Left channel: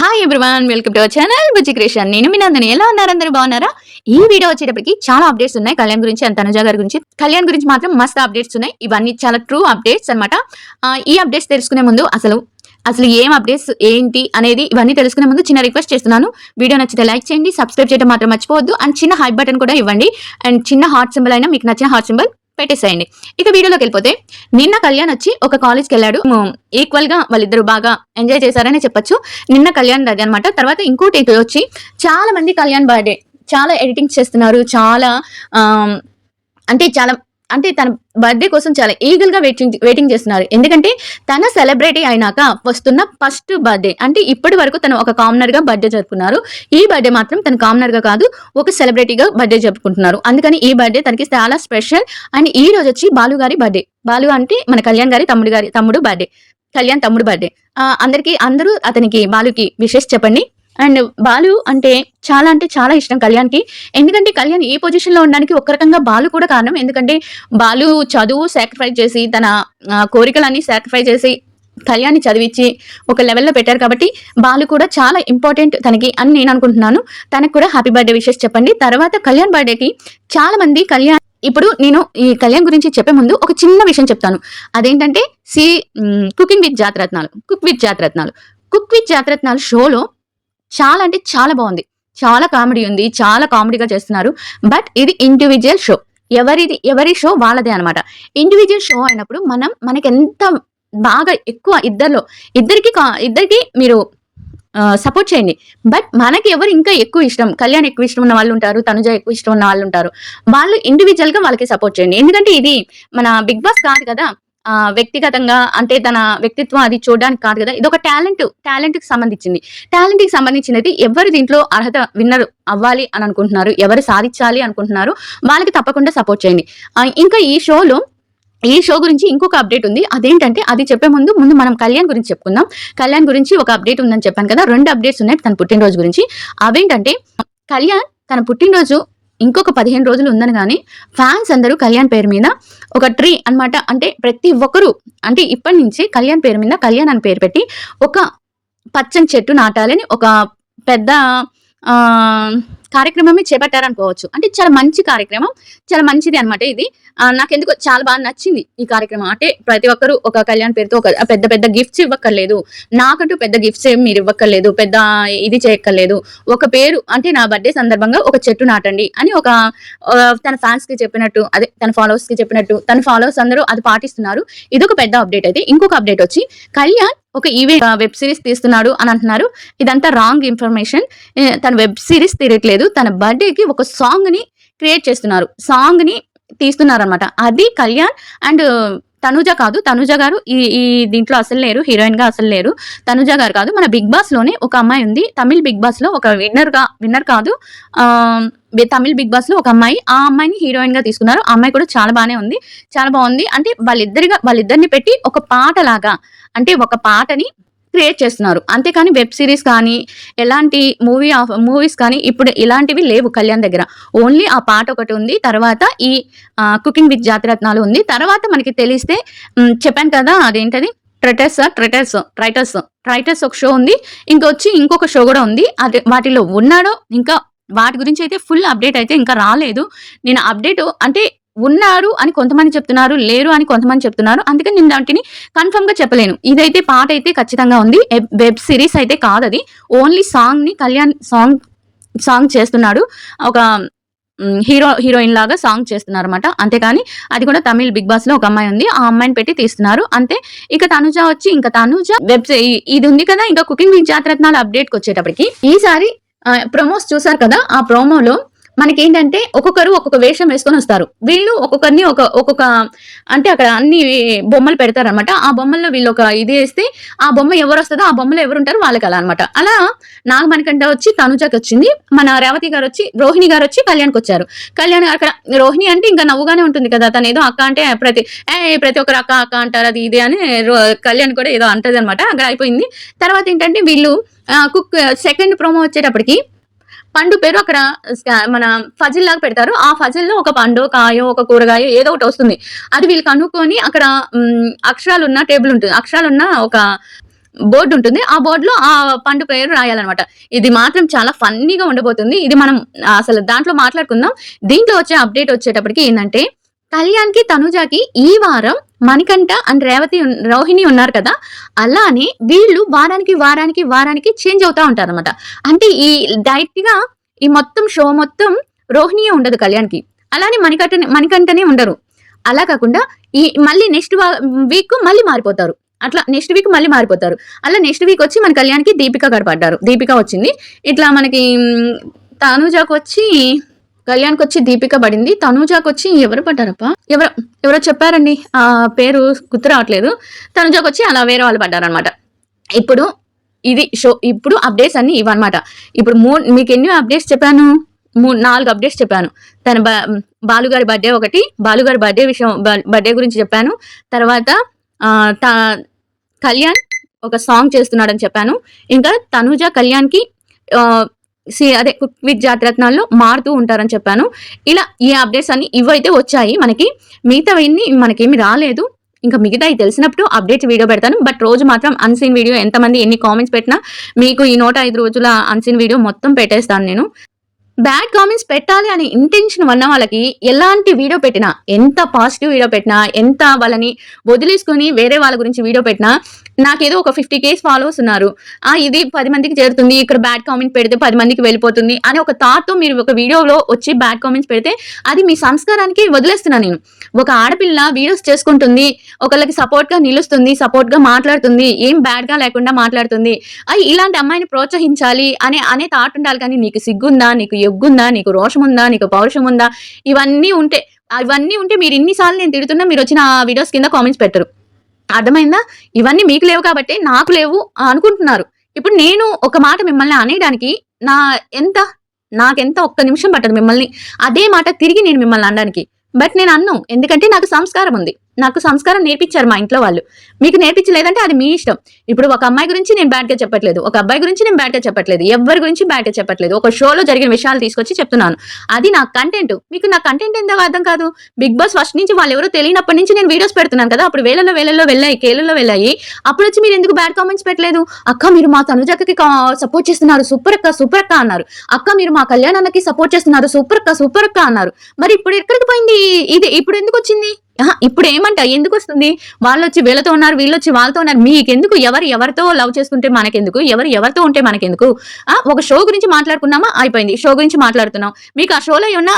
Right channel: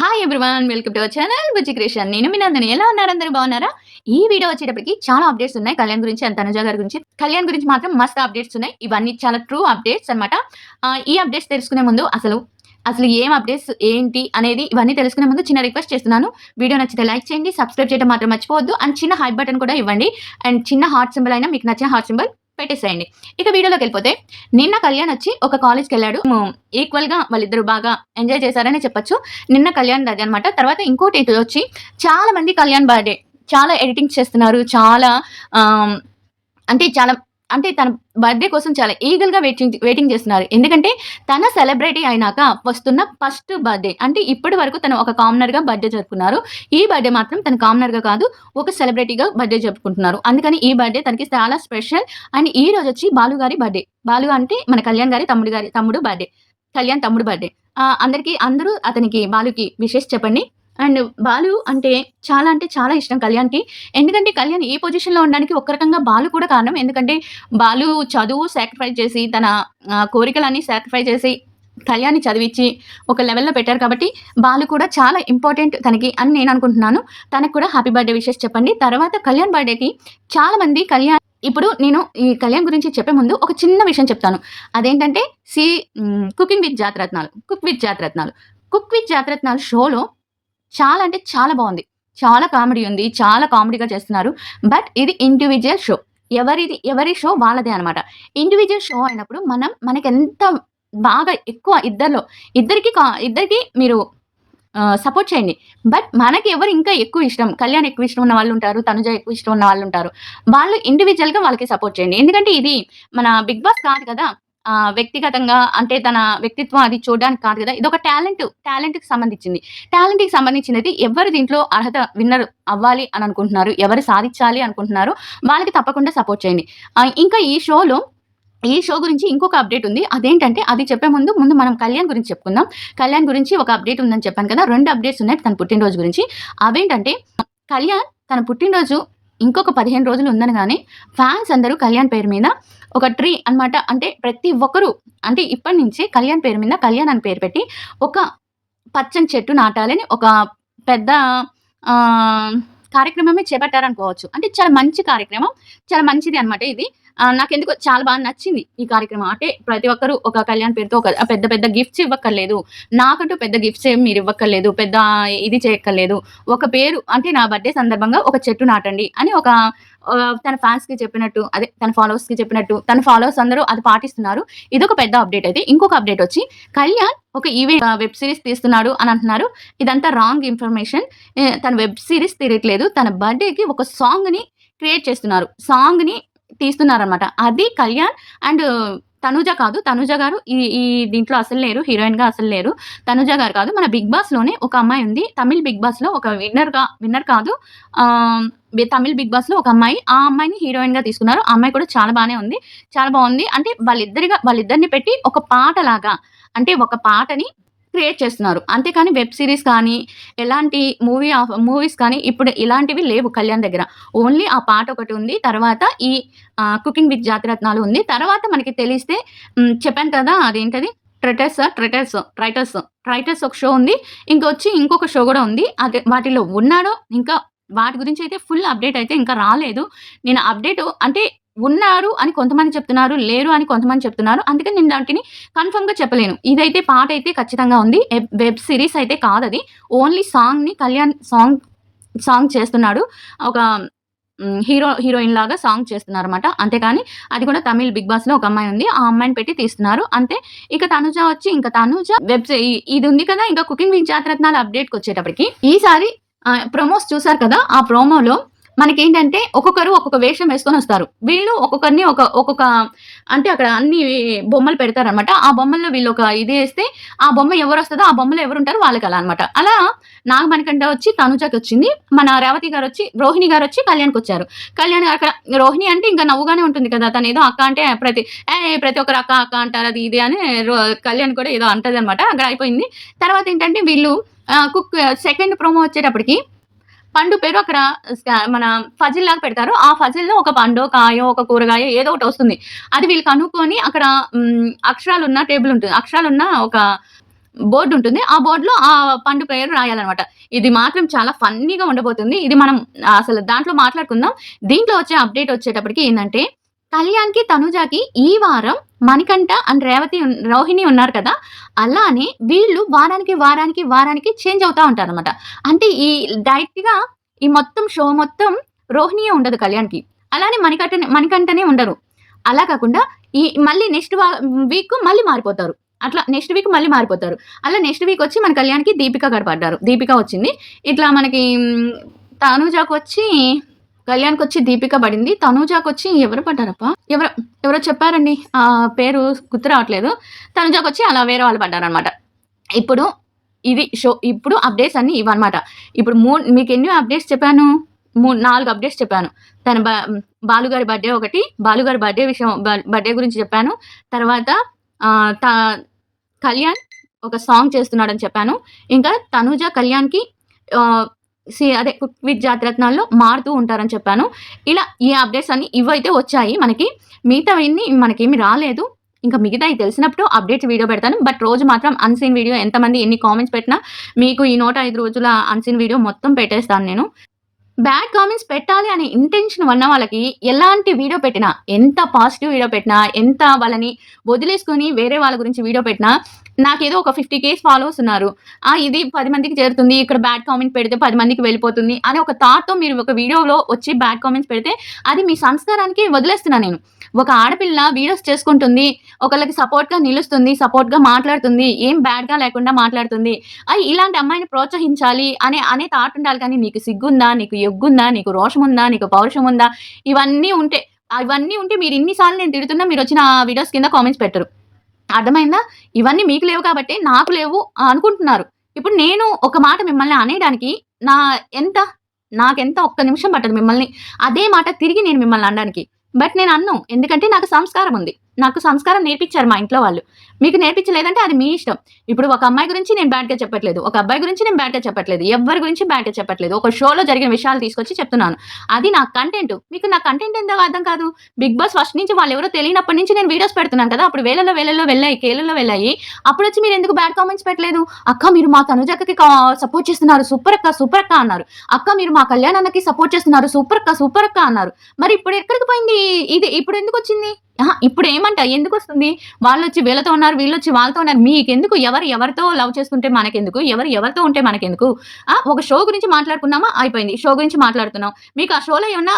Hi everyone, welcome to our channel Bujji creation. నేను మీ నందిని. ఎలా ఉన్నారు? అందరూ బాగున్నారా? ఈ వీడియో వచ్చేటప్పటికి చాలా అప్డేట్స్ ఉన్నాయి కళ్యాణ్ గురించి అండ్ తనుజ గారి గురించి. కళ్యాణ్ గురించి మాత్రం మస్త్ అప్డేట్స్ ఉన్నాయి. ఇవన్నీ చాలా ట్రూ అప్డేట్స్ అన్నమాట. ఈ అప్డేట్స్ తెలుసుకునే ముందు అసలు ఏం అప్డేట్స్ ఏంటి అనేది ఇవన్నీ తెలుసుకునే ముందు చిన్న రిక్వెస్ట్ చేస్తున్నాను. వీడియో నచ్చితే లైక్ చేయండి, సబ్స్క్రైబ్ చేయడం మాత్రం మర్చిపోవద్దు అండ్ చిన్న హైప్ బటన్ కూడా ఇవ్వండి అండ్ చిన్న హార్ట్ సింబల్ అయినా మీకు నచ్చిన హార్ట్ సింబల్ పెట్టేసేయండి. ఇక వీడియోలోకి వెళ్ళిపోతే, నిన్న కళ్యాణ్ వచ్చి ఒక కాలేజ్కి వెళ్ళాడు. ఈక్వల్ గా వాళ్ళిద్దరు బాగా ఎంజాయ్ చేశారని చెప్పొచ్చు. నిన్న కళ్యాణ్ దగ్గర అనమాట. తర్వాత ఇంకోటి వచ్చి చాలా మంది కళ్యాణ్ బర్త్డే చాలా ఎడిటింగ్స్ చేస్తున్నారు. చాలా అంటే తన బర్త్డే కోసం చాలా ఈగల్ గా వెయిటింగ్ చేస్తున్నారు. ఎందుకంటే తన సెలబ్రిటీ అయినాక వస్తున్న ఫస్ట్ బర్త్డే. అంటే ఇప్పటి వరకు తను ఒక కామనర్ గా బర్త్డే జరుపుకున్నారు. ఈ బర్త్డే మాత్రం తను కామనర్ గా కాదు, ఒక సెలబ్రిటీగా బర్త్డే జరుపుకుంటున్నారు. అందుకని ఈ బర్త్డే తనకి చాలా స్పెషల్. అండ్ ఈ రోజు వచ్చి బాలు గారి బర్త్డే. బాలు అంటే మన కళ్యాణ్ గారి తమ్ముడు బర్త్డే. కళ్యాణ్ తమ్ముడు బర్త్డే. అందరూ అతనికి బాలుకి విషెస్ చెప్పండి. అండ్ బాలు అంటే చాలా ఇష్టం కళ్యాణ్కి. ఎందుకంటే కళ్యాణ్ ఈ పొజిషన్ లో ఉండడానికి ఒక రకంగా బాలు కూడా కారణం. ఎందుకంటే బాలు చదువు సాక్రిఫైస్ చేసి తన కోరికలన్నీ సాక్రిఫైస్ చేసి కళ్యాణ్ని చదివించి ఒక లెవెల్లో పెట్టారు. కాబట్టి బాలు కూడా చాలా ఇంపార్టెంట్ తనకి అని నేను అనుకుంటున్నాను. తనకు కూడా హ్యాపీ బర్త్డే విషెస్ చెప్పండి. తర్వాత కళ్యాణ్ బర్త్డేకి చాలా మంది ఇప్పుడు నేను ఈ కళ్యాణ్ గురించి చెప్పే ముందు ఒక చిన్న విషయం చెప్తాను. అదేంటంటే cooking with Jathi Ratnalu cook with Jathi Ratnalu షోలో చాలా అంటే చాలా బాగుంది. చాలా కామెడీ ఉంది. చాలా కామెడీగా చేస్తున్నారు. బట్ ఇది ఇండివిజువల్ షో. ఎవరి షో వాళ్ళదే అనమాట. ఇండివిజువల్ షో అయినప్పుడు మనకి ఎంత బాగా ఎక్కువ ఇద్దరికి మీరు సపోర్ట్ చేయండి. బట్ మనకి ఎవరు ఇంకా ఎక్కువ ఇష్టం, కళ్యాణ్ ఎక్కువ ఇష్టం ఉన్న వాళ్ళు ఉంటారు, తనుజ ఎక్కువ ఇష్టం ఉన్న వాళ్ళు ఉంటారు. వాళ్ళు ఇండివిజువల్ గా వాళ్ళకి సపోర్ట్ చేయండి. ఎందుకంటే ఇది మన బిగ్ బాస్ కాదు కదా. వ్యక్తిగతంగా అంటే తన వ్యక్తిత్వం అది చూడడానికి కాదు కదా. ఇది ఒక టాలెంట్ కి సంబంధించినది. ఎవరు దీంట్లో అర్హత విన్నర్ అవ్వాలి అని అనుకుంటున్నారు, ఎవరు సాధించాలి అనుకుంటున్నారు, వాళ్ళకి తప్పకుండా సపోర్ట్ చేయండి. ఇంకా ఈ షో గురించి ఇంకొక అప్డేట్ ఉంది. అదేంటంటే అది చెప్పే ముందు మనం కళ్యాణ్ గురించి చెప్పుకుందాం. కళ్యాణ్ గురించి ఒక అప్డేట్ ఉందని చెప్పాను కదా. 2 అప్డేట్స్ ఉన్నాయి తన పుట్టినరోజు గురించి. అవేంటంటే కళ్యాణ్ తన పుట్టినరోజు ఇంకొక 15 రోజులు ఉందనగానే ఫ్యాన్స్ అందరూ కళ్యాణ్ పేరు మీద ఒక ట్రీ అనమాట. అంటే ప్రతి ఒక్కరు అంటే ఇప్పటి నుంచి కళ్యాణ్ పేరు మీద కళ్యాణ్ అని పేరు పెట్టి ఒక పచ్చని చెట్టు నాటాలని ఒక పెద్ద కార్యక్రమమే చేపట్టారనుకోవచ్చు. అంటే చాలా మంచి కార్యక్రమం, చాలా మంచిది అనమాట ఇది. నాకెందుకో చాలా బాగా నచ్చింది ఈ కార్యక్రమం. అంటే ప్రతి ఒక్కరు ఒక కళ్యాణ్ పేరుతో ఒక పెద్ద గిఫ్ట్స్ ఇవ్వక్కర్లేదు. నాకంటూ పెద్ద గిఫ్ట్స్ ఏమి మీరు ఇవ్వక్కర్లేదు, పెద్ద ఇది చేయక్కర్లేదు. ఒక పేరు అంటే నా బర్త్డే సందర్భంగా ఒక చెట్టు నాటండి అని తన ఫ్యాన్స్ కి చెప్పినట్టు, అదే తన ఫాలోవర్స్ కి చెప్పినట్టు, తన ఫాలోవర్స్ అందరూ అది పాటిస్తున్నారు. ఇదొక పెద్ద అప్డేట్. అయితే ఇంకొక అప్డేట్ వచ్చి కళ్యాణ్ ఒక వెబ్ సిరీస్ తీస్తున్నాడు అని అంటున్నారు. ఇదంతా రాంగ్ ఇన్ఫర్మేషన్. తన వెబ్ సిరీస్ తీయట్లేదు. తన బర్త్డేకి ఒక సాంగ్ ని క్రియేట్ చేస్తున్నారు, సాంగ్ ని తీస్తున్నారనమాట. అది కళ్యాణ్ అండ్ తనుజ కాదు. తనుజ గారు ఈ దీంట్లో అసలు లేరు, హీరోయిన్ గా అసలు లేరు. తనుజ గారు కాదు. మన బిగ్ బాస్ లోనే ఒక అమ్మాయి ఉంది, తమిళ్ బిగ్ బాస్ లో ఒక విన్నర్ కాదు, తమిళ్ బిగ్ బాస్ లో ఒక అమ్మాయి. ఆ అమ్మాయిని హీరోయిన్ గా తీసుకున్నారు. ఆ అమ్మాయి కూడా చాలా బాగుంది. అంటే వాళ్ళిద్దరిని పెట్టి ఒక పాట లాగా, అంటే ఒక పాటని క్రియేట్ చేస్తున్నారు. అంతేకాని వెబ్ సిరీస్ కానీ ఎలాంటి మూవీస్ కానీ ఇప్పుడు ఇలాంటివి లేవు కళ్యాణ్ దగ్గర. ఓన్లీ ఆ పాట ఒకటి ఉంది. తర్వాత ఈ కుకింగ్ విత్ జాతిరత్నాలు ఉంది. తర్వాత మనకి తెలిస్తే చెప్పాను కదా, అదేంటది ట్రైటర్స్ ఒక షో ఉంది. ఇంకొక షో కూడా ఉంది. అదే వాటిలో ఉన్నాడో ఇంకా వాటి గురించి అయితే ఫుల్ అప్డేట్ అయితే ఇంకా రాలేదు. నేను అప్డేట్ అంటే ఉన్నారు అని కొంతమంది చెప్తున్నారు, లేరు అని కొంతమంది చెప్తున్నారు. అందుకని నేను దాంట్ని కన్ఫర్మ్ గా చెప్పలేను. ఇదైతే పాట అయితే ఖచ్చితంగా ఉంది. వెబ్ సిరీస్ అయితే కాదు అది. ఓన్లీ సాంగ్ ని కళ్యాణ్ సాంగ్ చేస్తున్నాడు. ఒక హీరోయిన్ లాగా సాంగ్ చేస్తున్నారు అనమాట. అంతేకాని అది కూడా తమిళ్ బిగ్ బాస్ లో ఒక అమ్మాయి ఉంది, ఆ అమ్మాయిని పెట్టి తీస్తున్నారు అంతే. ఇక తనుజ ఇది ఉంది కదా. ఇంకా కుకింగ్ విత్ జాతరత్నాలు అప్డేట్కి వచ్చేటప్పటికి ఈసారి ప్రొమోస్ చూసారు కదా. ఆ ప్రోమోలో మనకేంటంటే ఒక్కొక్కరు ఒక్కొక్క వేషం వేసుకొని వస్తారు. వీళ్ళు ఒక్కొక్కరిని ఒక్కొక్క అంటే అక్కడ అన్ని బొమ్మలు పెడతారనమాట. ఆ బొమ్మల్లో వీళ్ళు ఒక ఇది వేస్తే ఆ బొమ్మ ఎవరు వస్తుందో ఆ బొమ్మలో ఎవరు ఉంటారు వాళ్ళకి అలా అనమాట. అలా నాగమణికంట వచ్చి తనుజకి వచ్చింది, మన రేవతి గారు వచ్చి రోహిణి గారు వచ్చి కళ్యాణ్కి వచ్చారు. కళ్యాణ్ అక్కడ రోహిణి అంటే ఇంకా నవ్వుగానే ఉంటుంది కదా. తను ఏదో అక్క అంటే ప్రతి ఒక్కరు అక్క అంటారు, అది ఇది అని కళ్యాణ్ కూడా ఏదో అంటది అనమాట. అక్కడ అయిపోయింది. తర్వాత ఏంటంటే వీళ్ళు సెకండ్ ప్రోమో వచ్చేటప్పటికి పండు పేరు అక్కడ మన ఫజిల్ లాగా పెడతారు. ఆ ఫజిల్లో ఒక పండు, కాయో, ఒక కూరగాయ ఏదో ఒకటి వస్తుంది. అది వీళ్ళు కనుక్కొని అక్కడ అక్షరాలున్న టేబుల్ ఉంటుంది. అక్షరాలున్న ఒక బోర్డు ఉంటుంది. ఆ బోర్డులో ఆ పండు పేరు రాయాలన్నమాట. ఇది మాత్రం చాలా ఫన్నీగా ఉండబోతుంది. ఇది మనం అసలు దాంట్లో మాట్లాడుకుందాం. దీంట్లో వచ్చే అప్డేట్ వచ్చేటప్పటికి ఏందంటే, కళ్యాణ్‌కి, తనూజకి ఈ వారం మణికంఠ అండ్ రోహిణి ఉన్నారు కదా! అలానే వీళ్ళు వారానికి చేంజ్ అవుతా ఉంటారన్నమాట. అంటే ఈ డైరెక్ట్‌గా ఈ మొత్తం షో మొత్తం రోహిణియే ఉండదు కళ్యాణ్‌కి. అలానే మణికంఠనే ఉండరు. అలా కాకుండా ఈ మళ్ళీ నెక్స్ట్ వీక్ మళ్ళీ మారిపోతారు. అట్లా నెక్స్ట్ వీక్ మళ్ళీ మారిపోతారు. అలా నెక్స్ట్ వీక్ వచ్చి మన కళ్యాణ్‌కి దీపిక గారు పడ్డారు. దీపిక వచ్చింది. ఇట్లా మనకి తనూజకొచ్చి కళ్యాణ్‌కొచ్చి దీపిక పడింది. తనూజకొచ్చి ఎవరు పడ్డారబ్బా? ఎవరో చెప్పారండి. పేరు గుర్తు రావట్లేదు. తనూజకొచ్చి అలా వేరే వాళ్ళు పడ్డారనమాట. ఇప్పుడు ఇది షో. ఇప్పుడు అప్డేట్స్ అన్నీ ఇవన్నమాట. ఇప్పుడు మీకెన్ని అప్డేట్స్ చెప్పాను? 4 అప్డేట్స్ చెప్పాను. తన బాలుగారి బర్త్‌డే ఒకటి, బాలుగారి బర్త్‌డే గురించి చెప్పాను. తర్వాత కళ్యాణ్ ఒక సాంగ్ చేస్తున్నాడని చెప్పాను. ఇంకా తనూజ కళ్యాణ్‌కి అదే కుక్ విత్ జాతిరత్నాల్లో మారుతూ ఉంటారని చెప్పాను. ఇలా ఈ అప్డేట్స్ అన్ని ఇవైతే వచ్చాయి మనకి. మిగతావన్నీ మనకేమి రాలేదు. ఇంకా మిగతాయి తెలిసినప్పుడు అప్డేట్స్ వీడియో పెడతాను. బట్ రోజు మాత్రం అన్‌సీన్ వీడియో ఎంతమంది ఎన్ని కామెంట్స్ పెట్టినా మీకు ఈ 105 రోజుల అన్‌సీన్ వీడియో మొత్తం పెట్టేస్తాను నేను. బ్యాడ్ కామెంట్స్ పెట్టాలి అనే ఇంటెన్షన్ ఉన్న వాళ్ళకి ఎలాంటి వీడియో పెట్టినా, ఎంత పాజిటివ్ వీడియో పెట్టినా, ఎంత వాళ్ళని వదిలేసుకొని వేరే వాళ్ళ గురించి వీడియో పెట్టినా, నాకేదో ఒక 50K ఫాలోవర్స్ ఉన్నారు. ఇది 10 మందికి చేరుతుంది. ఇక్కడ బ్యాడ్ కామెంట్ పెడితే 10 మందికి వెళ్ళిపోతుంది అనే ఒక థాట్‌తో మీరు ఒక వీడియోలో వచ్చి బ్యాడ్ కామెంట్స్ పెడితే అది మీ సంస్కారానికి వదిలేస్తున్నా నేను. ఒక ఆడపిల్ల వీడియోస్ చేసుకుంటుంది. ఒకళ్ళకి సపోర్ట్‌గా నిలుస్తుంది. సపోర్ట్‌గా మాట్లాడుతుంది. ఏం బ్యాడ్‌గా లేకుండా మాట్లాడుతుంది. ఇలాంటి అమ్మాయిని ప్రోత్సహించాలి అనే థాట్ ఉండాలి కానీ నీకు సిగ్గుందా? నీకు ఎగ్గుందా? నీకు రోషం ఉందా? నీకు పౌరుషం ఉందా? ఇవన్నీ ఉంటే మీరు ఇన్ని సార్లు నేను తిడుతున్నా మీరొచ్చి నా వీడియోస్ కింద కామెంట్స్ పెట్టరు. అర్థమైందా? ఇవన్నీ మీకు లేవు కాబట్టే నాకు లేవు అనుకుంటున్నారు. ఇప్పుడు నేను ఒక మాట మిమ్మల్ని అనేయడానికి నాకెంత ఒక్క నిమిషం పట్టదు మిమ్మల్ని అదే మాట తిరిగి నేను మిమ్మల్ని అనడానికి. బట్ నేను అన్ను. ఎందుకంటే నాకు సంస్కారం ఉంది. నాకు సంస్కారం నేర్పించారు మా ఇంట్లో వాళ్ళు. మీకు నేర్పించలేదంటే అది మీ ఇష్టం. ఇప్పుడు ఒక అమ్మాయి గురించి నేను బ్యాడ్‌గా చెప్పట్లేదు. ఒక అబ్బాయి గురించి నేను బ్యాడ్‌గా చెప్పట్లేదు. ఎవ్వరి గురించి బ్యాడ్‌గా చెప్పట్లేదు. ఒక షోలో జరిగిన విషయాలు తీసుకొచ్చి చెప్తున్నాను. అది నా కంటెంట్. మీకు నా కంటెంట్ ఎందుకు అర్థం కాదు? బిగ్ బాస్ ఫస్ట్ నుంచి వాళ్ళెవరో తెలియనప్పటి నుంచి నేను వీడియోస్ పెడుతున్నాను కదా! అప్పుడు వేలల్లో వెళ్ళాయి. కేలల్లో వెళ్ళాయి. అప్పుడొచ్చి మీరు ఎందుకు బ్యాడ్ కామెంట్స్ పెట్టలేదు? అక్క మీరు మా తనుజకి సపోర్ట్ చేస్తున్నారు. సూపర్ అక్క అన్నారు. అక్క మీరు మా కళ్యాణ్ అన్నకి సపోర్ట్ చేస్తున్నారు. సూపర్ అక్క అన్నారు. మరి ఇప్పుడు ఎక్కడికి పోయింది? ఇది ఇప్పుడు ఎందుకు వచ్చింది? ఇప్పుడు ఏమంట ఎందుకొస్తుంది? వాళ్ళొచ్చి వీళ్ళతో ఉన్నారు, వీళ్ళొచ్చి వాళ్ళతో ఉన్నారు. మీకెందుకు? ఎవరితో లవ్ చేసుకుంటే మనకెందుకు? ఎవరితో ఉంటే మనకెందుకు? ఒక షో గురించి మాట్లాడుకున్నామా అయిపోయింది. షో గురించి మాట్లాడుతున్నాం. మీకు ఆ షోలో ఏమన్నా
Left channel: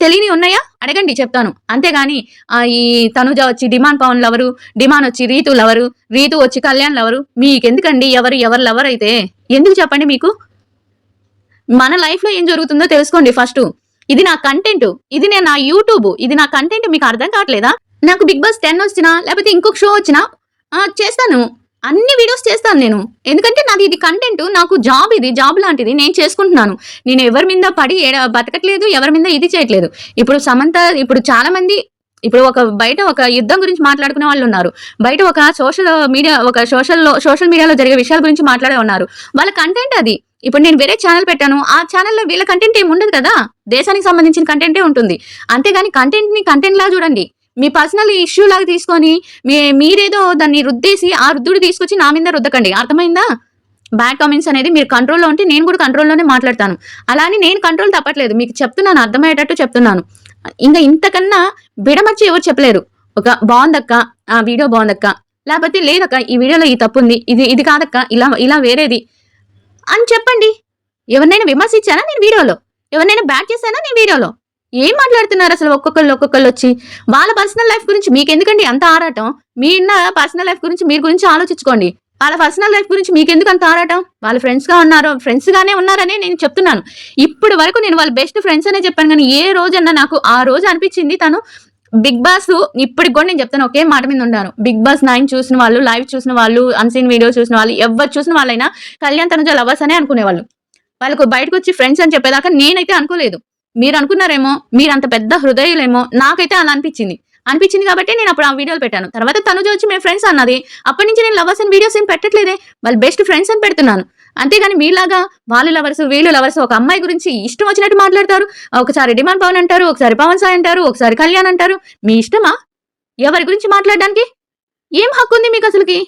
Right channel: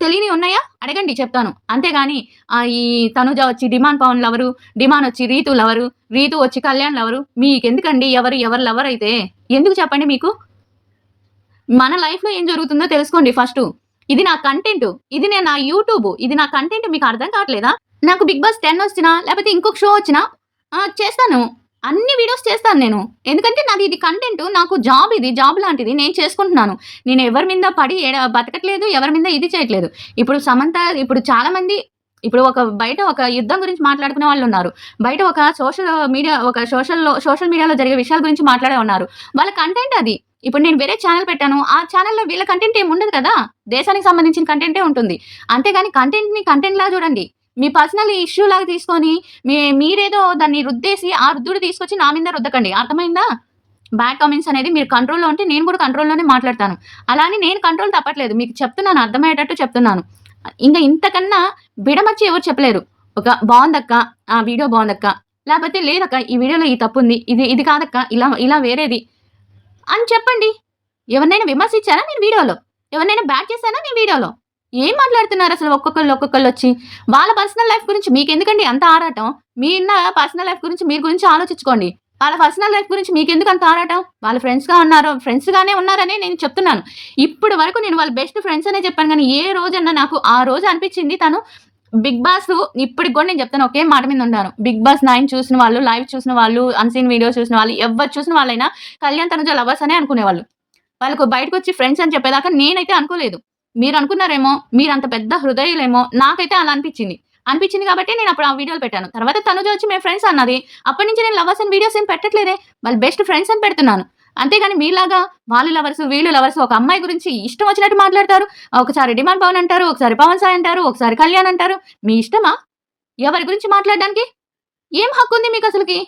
తెలియని ఉన్నాయా? అడగండి చెప్తాను. అంతేగాని ఈ తనుజ వచ్చి డిమాండ్ పవన్ లవరు, డిమాండ్ వచ్చి రీతు లవరు, రీతు వచ్చి కళ్యాణ్ లవరు. మీకెందుకండి? ఎవరు లవర్ అయితే ఎందుకు చెప్పండి మీకు? మన లైఫ్‌లో ఏం జరుగుతుందో తెలుసుకోండి ఫస్టు. ఇది నా కంటెంట్. ఇది నా యూట్యూబ్. ఇది నా కంటెంట్ మీకు అర్థం కావట్లేదా? నాకు బిగ్ బాస్ 10 వచ్చినా లేకపోతే ఇంకొక షో వచ్చినా చేస్తాను. అన్ని వీడియోస్ చేస్తాను నేను. ఎందుకంటే నాది ఇది కంటెంట్. నాకు జాబ్ ఇది. జాబ్ లాంటిది. నేను చేసుకుంటున్నాను. నేను ఎవరి మీద పడి బతకట్లేదు. ఎవరి మీద ఇది చేయట్లేదు. ఇప్పుడు సమంత ఇప్పుడు చాలా మంది బయట ఒక యుద్ధం గురించి మాట్లాడుకునే వాళ్ళున్నారు. బయట ఒక సోషల్ మీడియాలో జరిగే విషయాల గురించి మాట్లాడే ఉన్నారు. వాళ్ళ కంటెంట్ అది. ఇప్పుడు నేను వేరే ఛానల్ పెట్టాను. ఆ ఛానల్‌లో వీళ్ళ కంటెంట్ ఏమి ఉండదు కదా! దేశానికి సంబంధించిన కంటెంటే ఉంటుంది. అంతేగాని కంటెంట్‌ని కంటెంట్‌లా చూడండి. మీ పర్సనల్ ఇష్యూ లాగా తీసుకొని మీరేదో దాన్ని రుద్దేసి ఆ రుద్దుడు తీసుకొచ్చి నా మీద రుద్దకండి. అర్థమైందా? బ్యాడ్ కామెంట్స్ అనేది మీరు కంట్రోల్‌లో ఉంటే నేను కూడా కంట్రోల్‌లోనే మాట్లాడతాను. అలా అని నేను కంట్రోల్ తప్పట్లేదు. మీకు చెప్తున్నాను అర్థమయ్యేటట్టు చెప్తున్నాను. ఇంతకన్నా బిడమర్చి ఎవరు చెప్పలేరు. బావుందక్క. వీడియో బావుందక్క. లేకపోతే లేదక్క ఈ వీడియోలో ఈ తప్పుంది. ఇది కాదక్క ఇలా వేరేది అని చెప్పండి. ఎవరినైనా విమర్శించానా నేను వీడియోలో? ఎవరినైనా బ్యాడ్ చేశానా నేను వీడియోలో? ఏం మాట్లాడుతున్నారు అసలు ఒక్కొక్కళ్ళొచ్చి? వాళ్ళ పర్సనల్ లైఫ్ గురించి మీకెందుకండి అంత ఆరాటం? మీ పర్సనల్ లైఫ్ గురించి మీరు గురించి ఆలోచించుకోండి. వాళ్ళ పర్సనల్ లైఫ్ గురించి మీకెందుకు అంత ఆరాటం? వాళ్ళు ఫ్రెండ్స్‌గానే ఉన్నారనే నేను చెప్తున్నాను. ఇప్పటి వరకు నేను వాళ్ళ బెస్ట్ ఫ్రెండ్స్ అనే చెప్పాను గానీ, ఏ రోజన్నా నాకు ఆ రోజు అనిపించింది తను బిగ్ బాస్ ఇప్పటికి కూడా నేను చెప్తాను ఒకే మాట మీద ఉన్నాను. బిగ్ బాస్ 9 చూసిన వాళ్ళు, లైవ్ చూసిన వాళ్ళు, అన్‌సీన్ వీడియో చూసిన వాళ్ళు, ఎవరు చూసిన వాళ్ళైనా కళ్యాణ్ తనుజ లవర్స్ అనే అనుకునేవాళ్ళు. వాళ్ళకు బయటకొచ్చి ఫ్రెండ్స్ అని చెప్పేదాకా నేనైతే అనుకోలేదు. మీరు అనుకున్నారేమో, మీరంత పెద్ద హృదయులేమో, నాకైతే అలా అనిపించింది కాబట్టి నేను అప్పుడు ఆ వీడియోలు పెట్టాను. తర్వాత తనుజ వచ్చి మేము ఫ్రెండ్స్ అన్నది. అప్పటి నుంచి నేను లవర్స్ అని వీడియోస్ ఏం పెట్టట్లేదే. వాళ్ళు బెస్ట్ ఫ్రెండ్స్ అని పెడుతున్నాను. అంతేగాని మీలాగా వాళ్ళు లవర్స్, వీళ్ళు లవర్స్ ఒక అమ్మాయి గురించి ఇష్టం వచ్చినట్టు మాట్లాడతారు. ఒకసారి డిమాండ్ పవన్ అంటారు, ఒకసారి పవన్ సాయి అంటారు, ఒకసారి కళ్యాణ్ అంటారు. మీ ఇష్టమా? ఎవరి గురించి మాట్లాడడానికి? ఏం హక్కు ఉంది మీకు అసలుకి?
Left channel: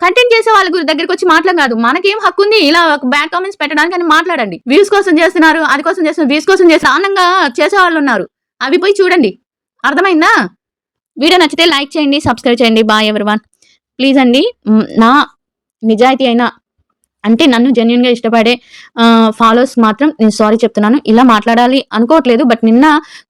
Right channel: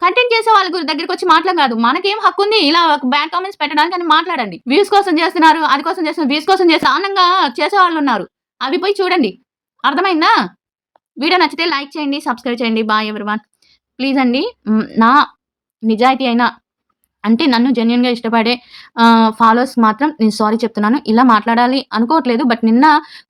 కంటెంట్ చేసే వాళ్ళ దగ్గరికి వచ్చి కాదు, మనకేం హక్కు ఉంది ఇలా బ్యాడ్ కామెంట్స్ పెట్టడానికి అని మాట్లాడండి. వ్యూస్ కోసం చేస్తున్నారు, అది కోసం చేస్తున్నారు, వ్యూస్ కోసం చేసి ఆనందంగా చేసే వాళ్ళు ఉన్నారు, అవి పోయి చూడండి. అర్థమైందా? వీడియో నచ్చితే లైక్ చేయండి, సబ్స్క్రైబ్ చేయండి. Bye everyone. ప్లీజ్ అండి, నా నిజాయితీ అయినా అంటే నన్ను జెన్యూన్‌గా ఇష్టపడే ఫాలోవర్స్ మాత్రం నేను సారీ చెప్తున్నాను. ఇలా మాట్లాడాలి అనుకోవట్లేదు. బట్ నిన్న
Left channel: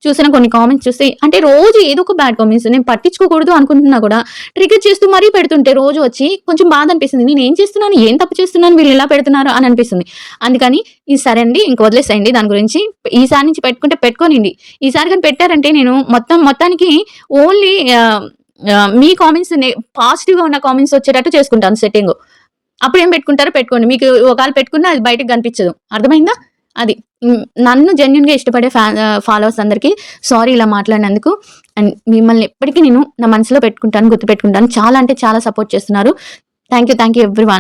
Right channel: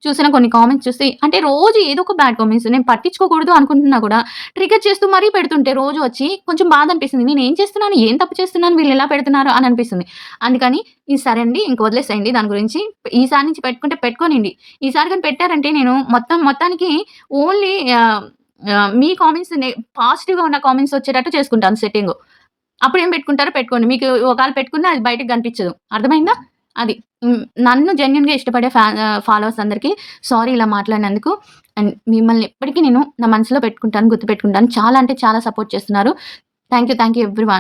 చూసిన కొన్ని కామెంట్స్ చూసి అంటే రోజు ఏదో ఒక బ్యాడ్ కామెంట్స్ నేను పట్టించుకోకూడదు అనుకుంటున్నా కూడా ట్రిగ్గర్ చేస్తూ మరీ పెడుతుంటే రోజు వచ్చి కొంచెం బాధ అనిపిస్తుంది. నేను ఏం చేస్తున్నాను? ఏం తప్పు చేస్తున్నాను? వీళ్ళు ఎలా పెడుతున్నారు అని అనిపిస్తుంది. అందుకని ఇది సరే అండి, ఇంక వదిలేసేయండి దాని గురించి. ఈసారి నుంచి పెట్టుకుంటే పెట్టుకోనిండి. ఈసారి కానీ పెట్టారంటే నేను మొత్తానికి ఓన్లీ మీ కామెంట్స్ పాజిటివ్‌గా ఉన్న కామెంట్స్ వచ్చేటట్టు చేసుకుంటాను సెట్టింగు. అప్పుడేం పెట్టుకుంటారో పెట్టుకోండి. మీకు ఒకవేళ పెట్టుకున్నా అది బయటకి కనిపించదు. అర్థమైందా? అది. నన్ను జెన్యూన్‌గా ఇష్టపడే ఫాలోవర్స్ అందరికీ సారీ ఇలా మాట్లాడినందుకు. అండ్ మిమ్మల్ని ఎప్పటికీ నేను నా మనసులో పెట్టుకుంటాను, గుర్తుపెట్టుకుంటాను. చాలా అంటే చాలా సపోర్ట్ చేస్తున్నారు. Thank you everyone.